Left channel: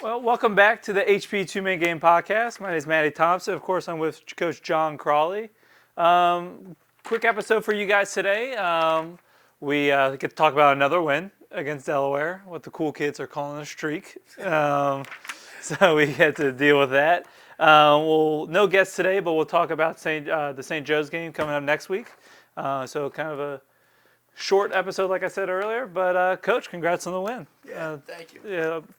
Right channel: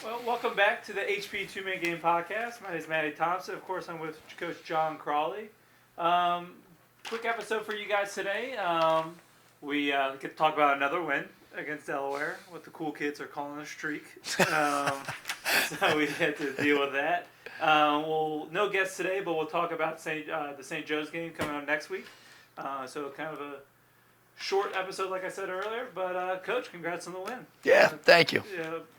Well, welcome back to the HP Two Man Game Podcast. My name is Matty Thompson. Of course, I'm with Coach John Crawley. Um, Quick episode for you guys today. We get to talk about another win against Delaware, what the cool kids are calling a streak. So we get to deal with that. Well, no guests today, but we'll talk about the St. Joe's game coming up next week. So kind of a short episode, like I said earlier. But Coach, congrats on the win. Yeah, thank you.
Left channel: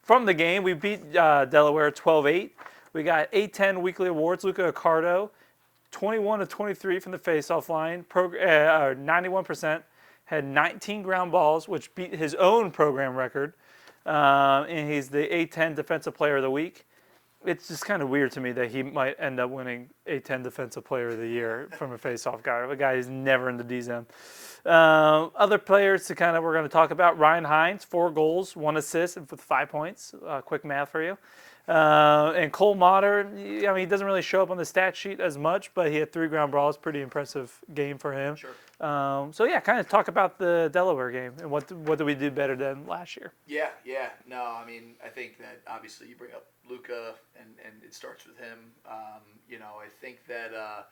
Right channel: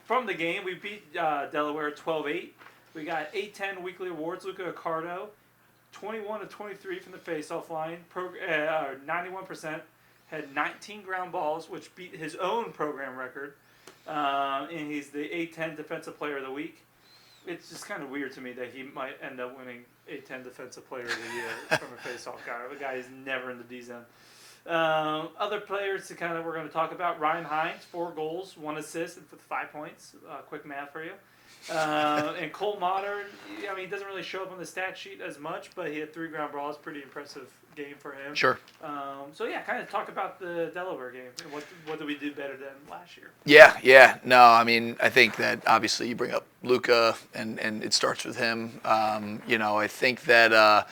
From the game, we beat Delaware 12-8. We got A10 weekly awards. Luca Accardo, 21 of 23 from the faceoff line, 91%, had 19 ground balls, which beat his own program record. And he's the A10 Defensive Player of the Week. It's just kind of weird to me that he might end up winning A10 Defensive Player of the Year from a faceoff guy. A guy who's never in the D zone. Other players we're going to talk about. Ryan Hines, 4 goals, 1 assist, and with 5 points. Quick math for you. And Cole Motter, he doesn't really show up on the stat sheet as much, but he had 3 ground balls. Pretty impressive game for him. Sure. Kind of talk about the Delaware game and what did we do better than last year? Yeah. No, I think that obviously you bring up Luca, and it starts with him. I think that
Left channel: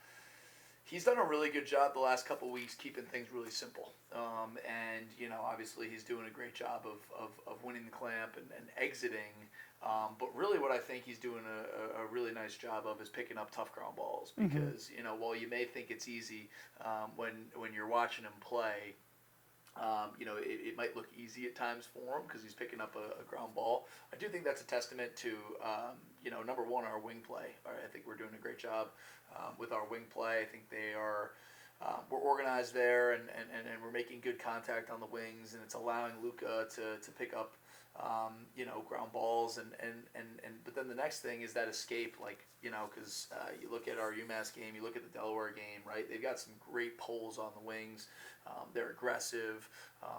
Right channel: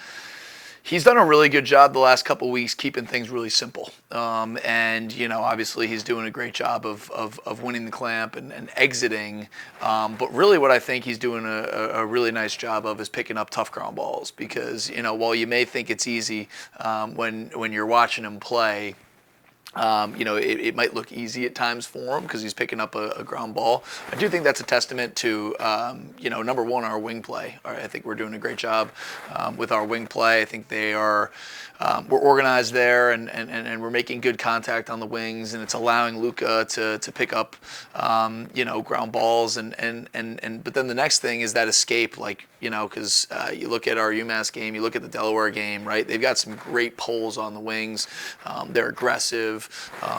he's done a really good job the last couple of weeks keeping things really simple. Obviously he's doing a great job of winning the clamp and exiting. But really what I think he's doing a really nice job of is picking up tough ground balls because, while you may think it's easy when you're watching him play, it might look easy at times for him because he's picking up a ground ball. I do think that's a testament to, number one, our wing play. I think we're doing a great job with our wing play. I think we're organized there and we're making good contact on the wings, and it's allowing Luca to pick up, ground balls. But then the next thing is that escape, because you look at our UMass game, you look at the Delaware game, right? They've got some great pulls on the wings. They're aggressive.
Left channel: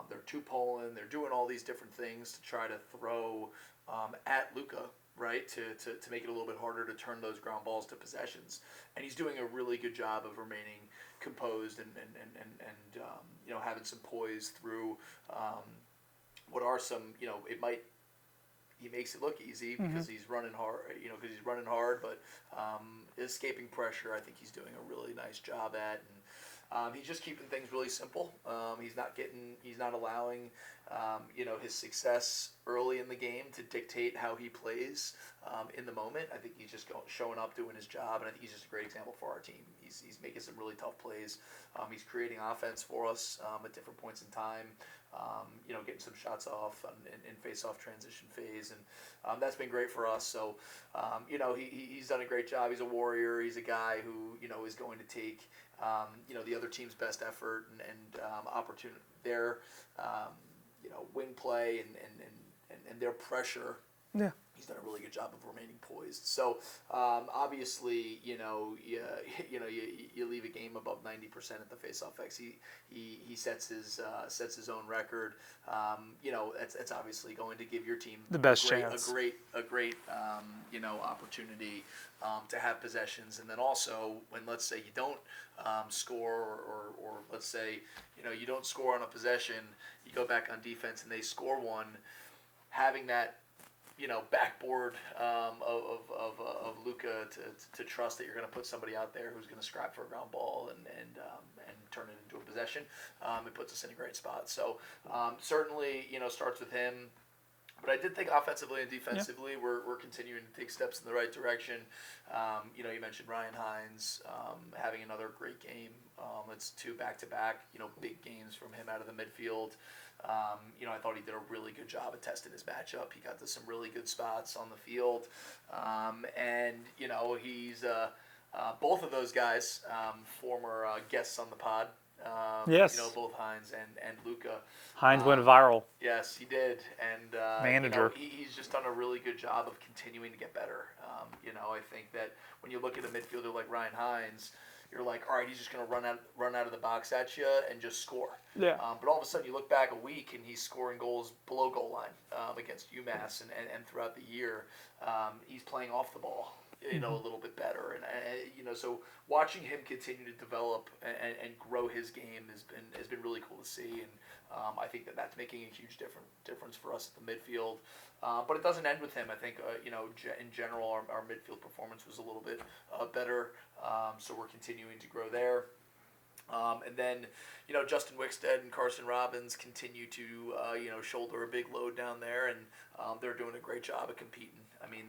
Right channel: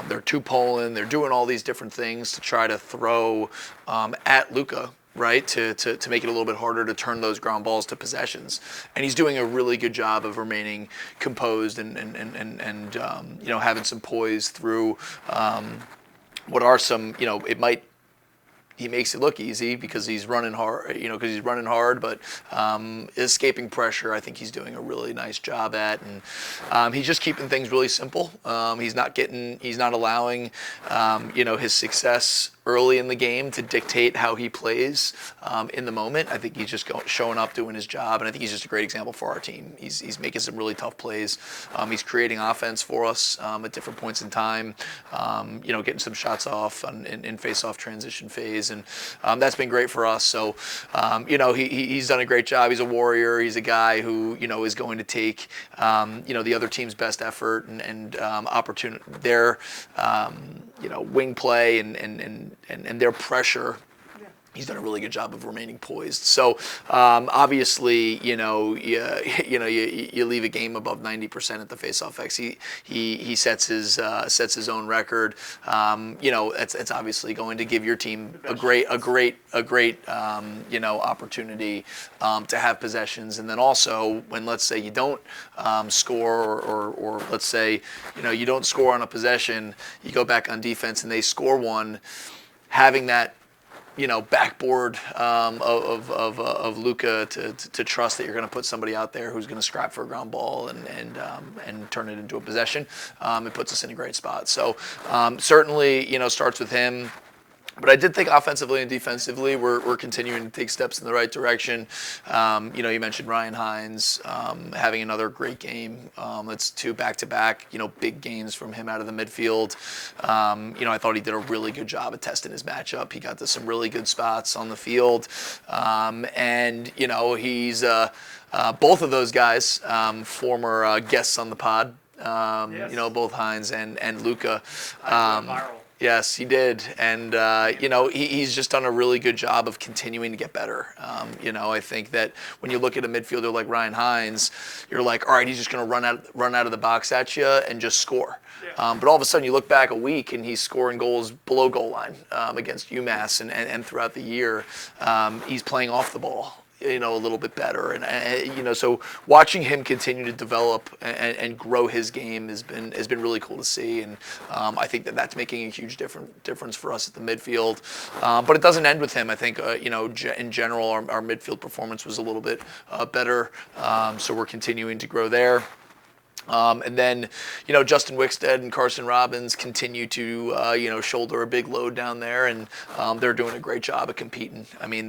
They're two-poling. They're doing all these different things to try to throw at Luca, right, to make it a little bit harder to turn those ground balls to possessions. And he's doing a really good job of remaining composed and having some poise through what are some, he makes it look easy because he's running hard, but escaping pressure, I think he's doing a really nice job at, and he's just keeping things really simple. He's not allowing, his success early in the game to dictate how he plays in the moment. I think he's just showing up, doing his job, and I think he's just a great example for our team. He's making some really tough plays. He's creating offense for us at different points in time, getting some shots off in face-off transition phase, and that's been great for us. So, he's done a great job. He's a warrior. He's a guy who, is going to take, the other team's best effort and opportunity, their, wing play and their pressure. Yeah. He's done a really good job of remaining poised. So obviously, you leave a game above 90% at the faceoff X. He sets his own record. It's obviously going to give your team a great opportunity to have possessions. And then also when, let's say, you don't score or let's say you don't score on a possession, you go back on defense and they score one, having that backboard of Luca to trust that you're going to put somebody out there who's going to scrap for a ground ball and turn it into a possession. It puts us in a great spot. So certainly, starts with him. But I did think offensively and defensively, we're continuing to take steps in the right direction. You mentioned Ryan Hines having another great game. That's 2 back-to-back, big games from him out of the midfield. I thought he did a really good job at testing his matchup. He got to some really good spots on the field. He's both of those guys, former guests on the pod. Yes. Both Hines and Luca. Hines went viral. Yes, he did. And, he's just done a really good job of continuing to get better. I think that when you look at a midfielder like Ryan Hines, you're like, all right, he's just going to run out of the box at you and just score. Yeah. But all of a sudden you look back a week and he's scoring goals below goal line against UMass and throughout the year. He's playing off the ball. a little bit better. And so watching him continue to develop and grow his game has been really cool to see. And I think that that's making a huge difference for us at the midfield. But it doesn't end with him. I think in general our midfield performance was a little bit better. So we're continuing to grow there. And then, Justin Wickstead and Carson Robbins continue to, shoulder a big load down there, and they're doing a great job of competing. I mean,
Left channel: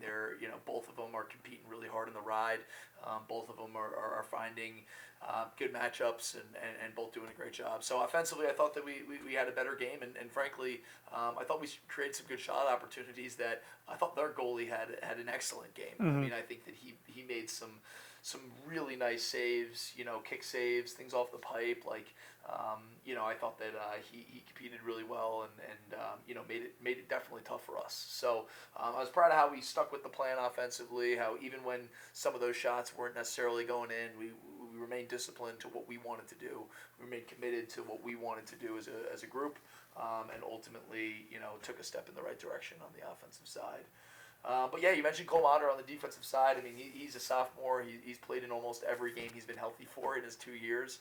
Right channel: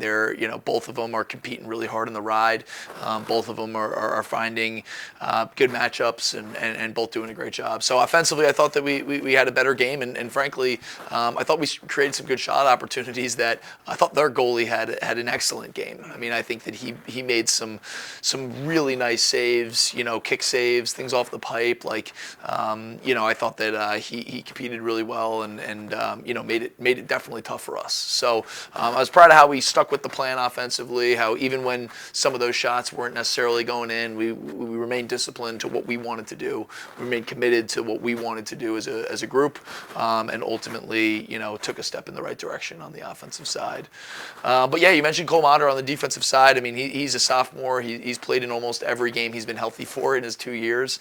both of them are competing really hard in the ride. Both of them are finding good matchups and both doing a great job. So offensively, I thought that we had a better game, and frankly, I thought we created some good shot opportunities that I thought their goalie had an excellent game. I mean, I think that he made some really nice saves, kick saves, things off the pipe. I thought that he competed really well and made it definitely tough for us. So I was proud of how we stuck with the plan offensively. How even when some of those shots weren't necessarily going in, we remained disciplined to what we wanted to do. We remained committed to what we wanted to do as a group, and ultimately took a step in the right direction on the offensive side. But yeah, you mentioned Cole Motter on the defensive side. I mean, he's a sophomore. He's played in almost every game he's been healthy for in his 2 years.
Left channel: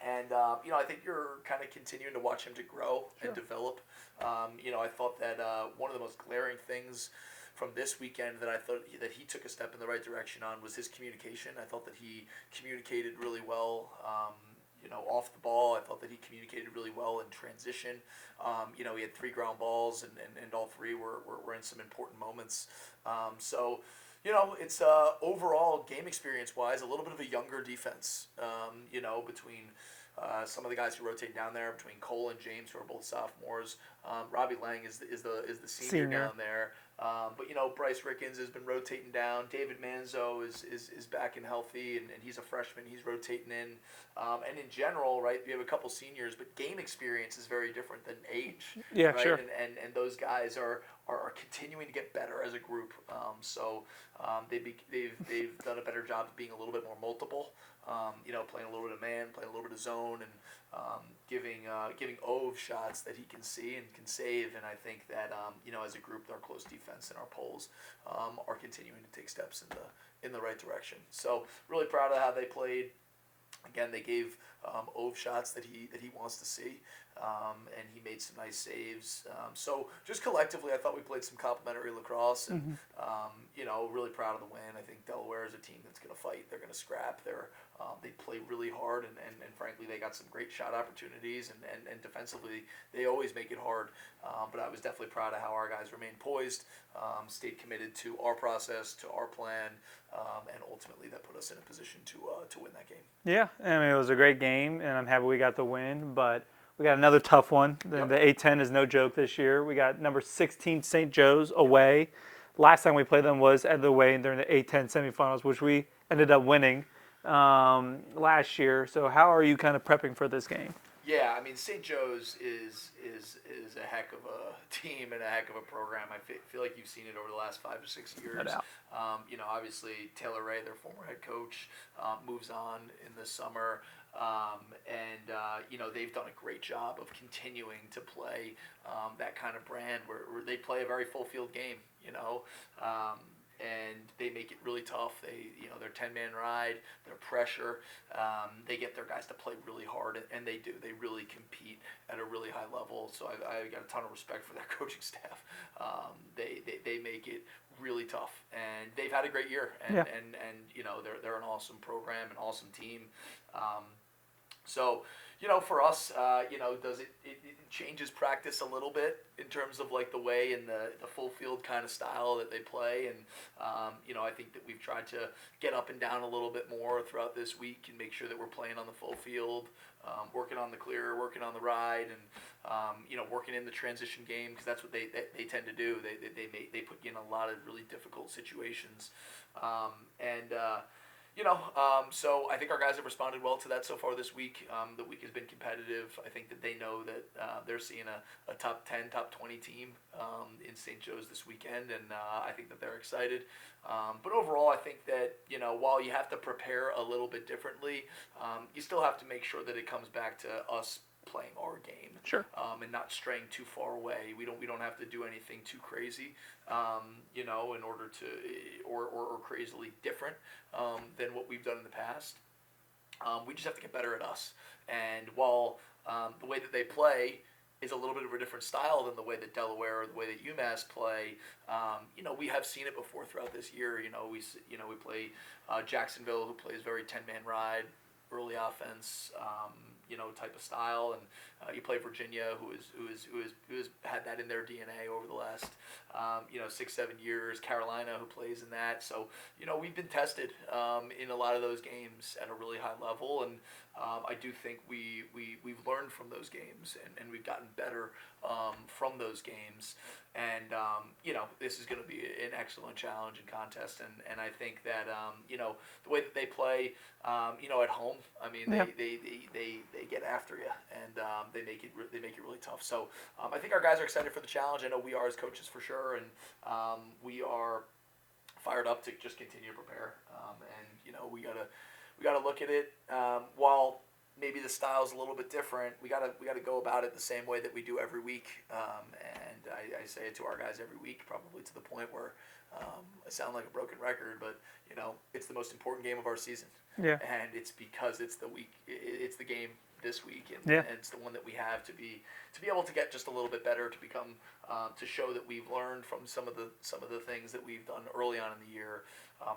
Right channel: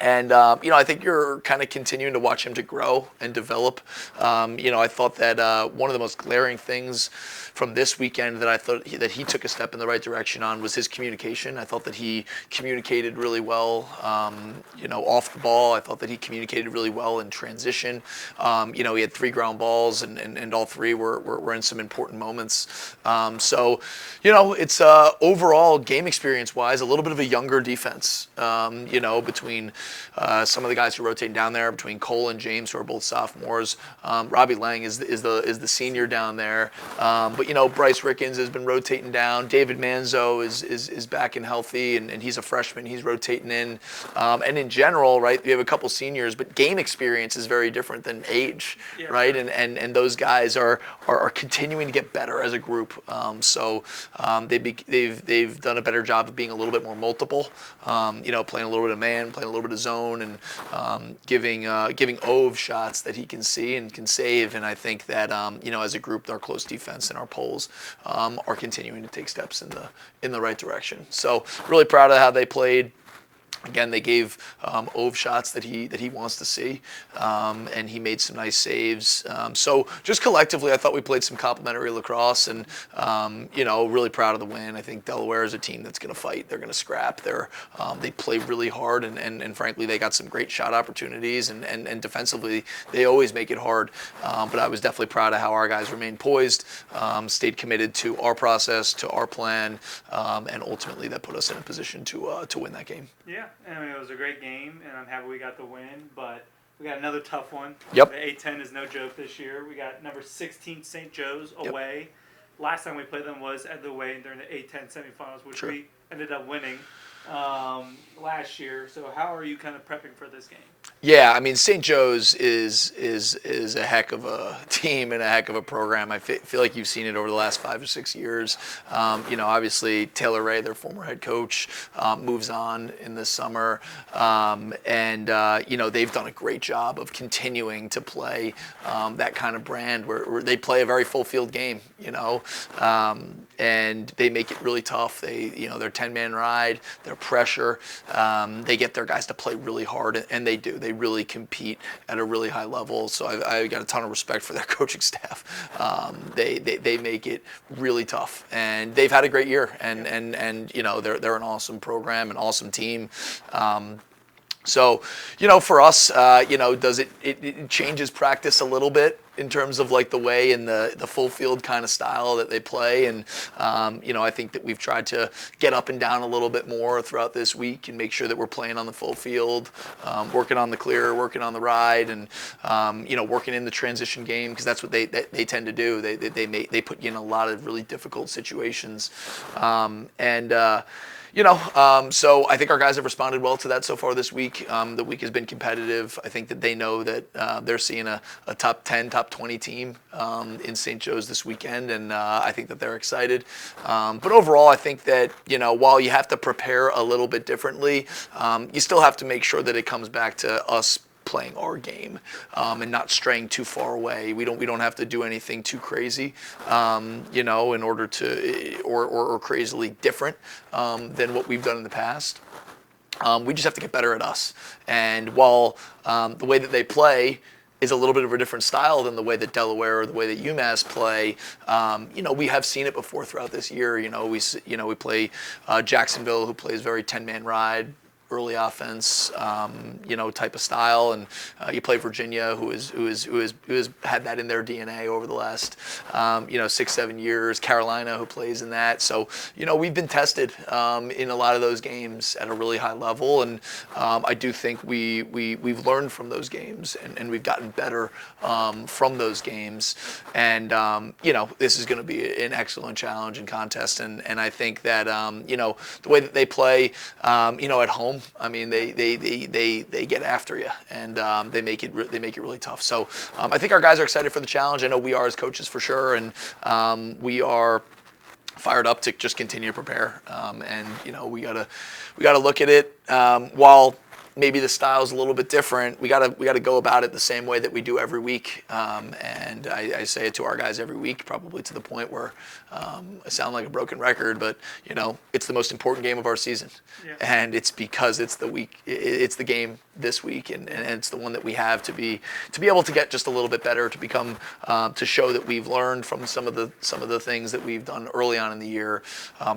I think you're kind of continuing to watch him to grow and develop. I thought that one of the most glaring things from this weekend that I thought that he took a step in the right direction on was his communication. I thought that he communicated really well, off the ball. I thought that he communicated really well in transition. He had 3 ground balls, and all 3 were in some important moments. It's overall game experience-wise a little bit of a younger defense. Between some of the guys who are rotating down there, between Cole and James, who are both sophomores. Robbie Lang is the senior down there. But Bryce Rickens has been rotating down. David Manzo is back and healthy, and he's a freshman. He's rotating in. And in general, right, we have a couple seniors, but game experience is very different than age, right? Sure. And those guys are continuing to get better as a group. They've done a better job of being a little bit more multiple. Playing a little bit of man, playing a little bit of zone, and giving Ove shots that he can see and can save. And I think that as a group, our close defense and our polls are continuing to take steps in the right direction. So really proud of how they played. Again, they gave Ove shots that he wants to see, and he made some nice saves. So just collectively, I thought we played some complimentary lacrosse, and really proud of the win. I think Delaware is a team that's going to fight. They're going to scrap. They play really hard, and frankly, they got some great shot opportunities, and defensively, they always make it hard. But I was definitely proud of how our guys remained poised, stayed committed to our process, to our plan, and ultimately that put us in a position to win that game. Yeah, I mean, it was a great game, and I'm happy we got the win, but we got another tough one. Yep. The A10 is no joke this year. We got number 16 St. Joe's away. Yep. Last time we played them was at the away during the A10 semifinals, which we ended up winning last year. So how are you kind of prepping for this game? Yeah, I mean, St. Joe's is a heck of a team and a heck of a program. I feel like you've seen it over the last 5 or 6 years. Yeah. Obviously Taylor Ray, their former head coach, moves on in the summer, and they've done a great job of continuing to play that kind of brand where they play a very full field game, and they make it really tough. Their 10-man ride, their pressure, they get their guys to play really hard, and they do. They really compete at a really high level. So I got a ton of respect for their coaching staff. They make it really tough, and they've had a great year. And they're an awesome program, an awesome team. So, for us, does it changes practice a little bit in terms of like the way and the full field kind of style that they play. And, I think that we've tried to get up and down a little bit more throughout this week and make sure that we're playing on the full field, working on the clear, working on the ride, and, working in the transition game, because that's what they tend to do. They put you in a lot of really difficult situations. So I think our guys have responded well to that so far this week. The week has been competitive. I think that they know that they're seeing a top 10, top 20 team in St. Joe's this weekend, and I think that they're excited. But overall, I think that, while you have to prepare a little bit differently, you still have to make sure that it comes back to us playing our game, and not straying too far away. We don't have to do anything too crazy, you know, in order to or crazily different than what we've done in the past. We just have to get better at us. And while the way that they play is a little bit of a different style than the way that Delaware or the way that UMass play, you know, we have seen it before throughout this year. You know, we play Jacksonville, who plays very 10-man ride, early offense, you know, type of style, and you play Virginia, who has had that in their DNA over the last, you know, 6-7 years. Carolina, who plays in that. So, you know, we've been tested in a lot of those games at a really high level, and I do think we've learned from those games, and we've gotten better from those games. And you know, this is going to be an excellent challenge and contest, and I think that you know, the way that they play, you know, at home. I mean, they get after you, and they make it really tough. So I think our guys are excited for the challenge. I know we are as coaches for sure, and we are fired up to just continue to prepare. And you know, we gotta look at it while maybe the style's a little bit different. We gotta go about it the same way that we do every week. And I say it to our guys every week, probably to the point where I sound like a broken record, but you know, it's the most important game of our season. Yeah. And it's because it's the game this week, and it's the one that we have to be able to get just a little bit better, to become to show that we've learned from some of the things that we've done early on in the year.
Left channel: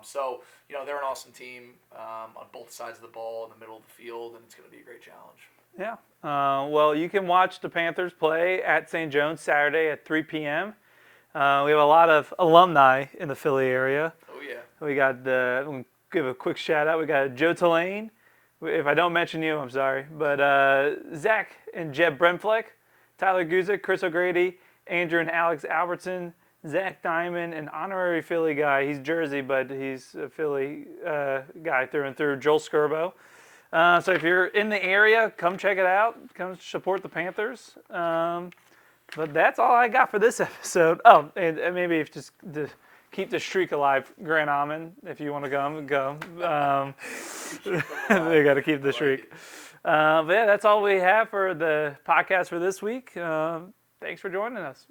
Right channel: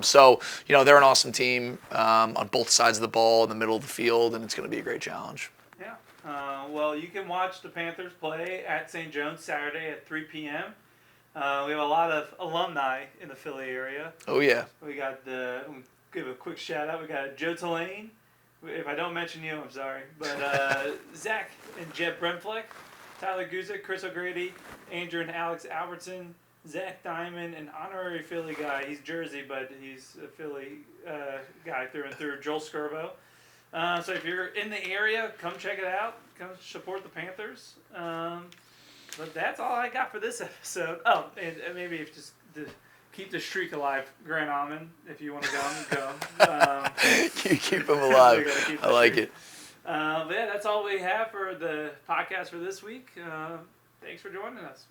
So you know, they're an awesome team on both sides of the ball in the middle of the field, and it's going to be a great challenge. Yeah. Well, you can watch the Panthers play at St. John's Saturday at 3 p.m. We have a lot of alumni in the Philly area. Oh yeah. We got we'll give a quick shout out. We got Joe Tulane. If I don't mention you, I'm sorry. But Zach and Jeb Bremfleck, Tyler Guzik, Chris O'Grady, Andrew and Alex Albertson, Zach Diamond, an honorary Philly guy. He's Jersey, but he's a Philly guy through and through. Joel Skirbo. So if you're in the area, come check it out. Come support the Panthers. But that's all I got for this episode. Oh, and maybe if just to keep the streak alive, Grant Almond, if you want to go. Keep them alive. We got to keep the I streak. like it. But yeah, that's all we have for the podcast for this week. Thanks for joining us.